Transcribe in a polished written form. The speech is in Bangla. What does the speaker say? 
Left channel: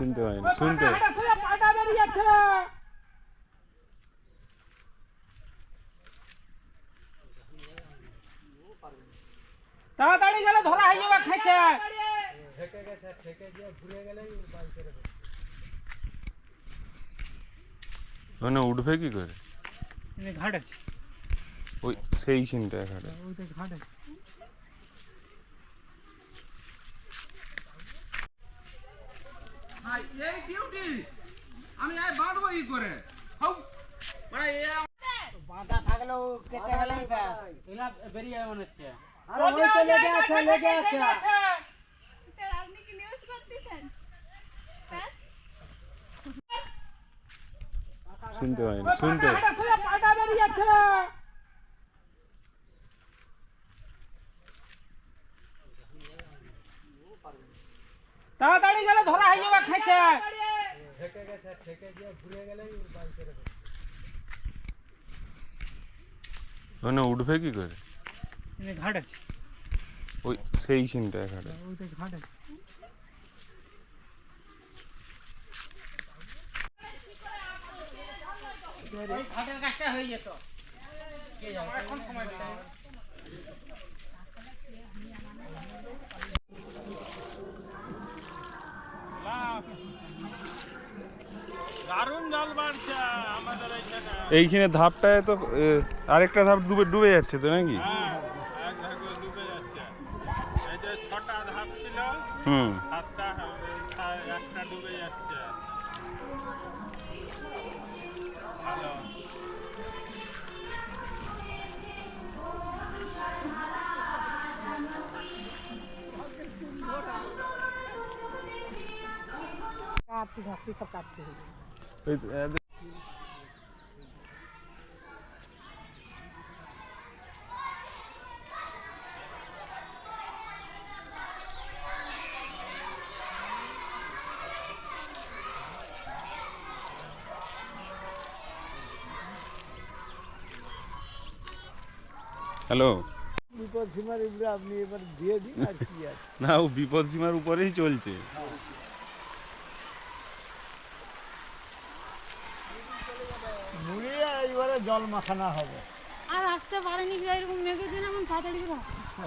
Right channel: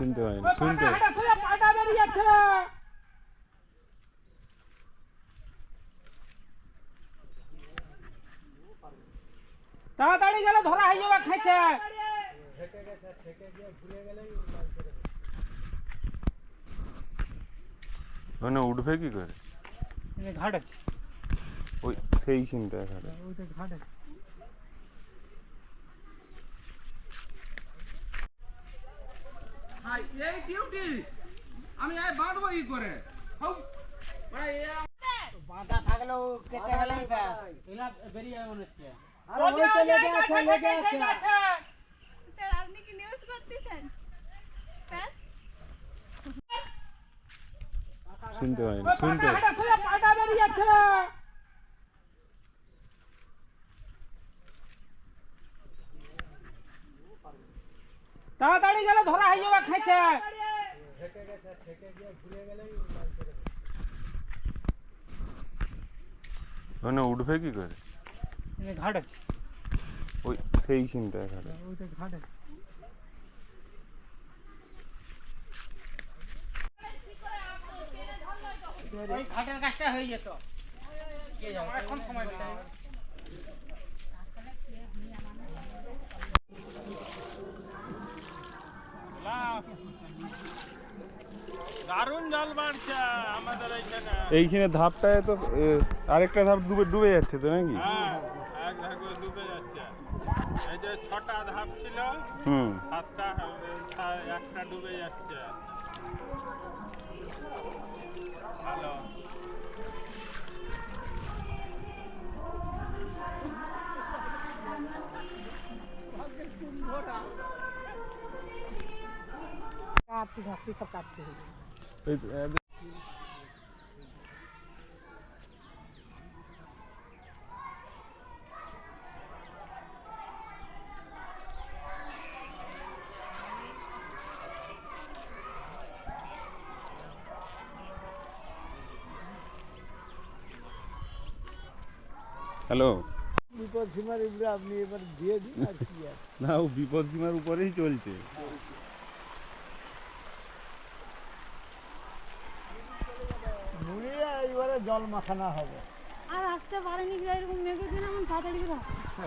শুনতে পাই না, শুনতে তাড়াতাড়ি গেলে ধরা হয়ে যাবে খেঁচে। মানে উঠবে কি করে? ঘাট আছে ওই সেই চিন্তায় ঘাটে। ওইটা ঘাট আছে। এই ডিউটি আমি আয় বাঁধবো কি করে? হাউ বাঁধা থাকলেও কেটে গেলেই ব্যাস। এলা বেরিয়ে যাবে মনে হচ্ছে। আর ওই তো লেগে আছে, লেগে আছে। স্যার আপনি কি নিউজ করতেছেন স্যার? শুনতে পাই না, শুনতে পাটা বেরিয়ে যাচ্ছে। তাড়াতাড়ি গেলে ধরা হয়ে যাবে খেঁচে। মানে উঠবে কি করে? ঘাট আছে ওই সেই চিন্তায় ঘাটে। ওইটা ঘাট আছে। ওই ঘাটের কাজটা হয়ে যেত। এখন সময় দিতে হবে। দারুণ জল বাড়ছে আমাদের এখানে। এইখানে ধাপটায় তো আরেকটা ধাপ ডুবে ডুবে যাচ্ছে তো নাকি? হ্যাঁ, এক ধাপ ডুবে যাচ্ছে। এই যে 6টা ধাপ ছিল, 7টা একটা ডুবে যাচ্ছে। ভালো। काटती घास की सब काटती है। হ্যালো। বিপদ সীমার উপরে আপনি এবার দিয়ে দিন আর কি আছে। না, ও বিপদ সীমার উপরেই চলছে। মুড়িয়ে এবারে জল মাখানো হবে। আর আসতে পারেনি এরকম মেঘের দিন এমন তাড়াতাড়ি করে আসতেছে।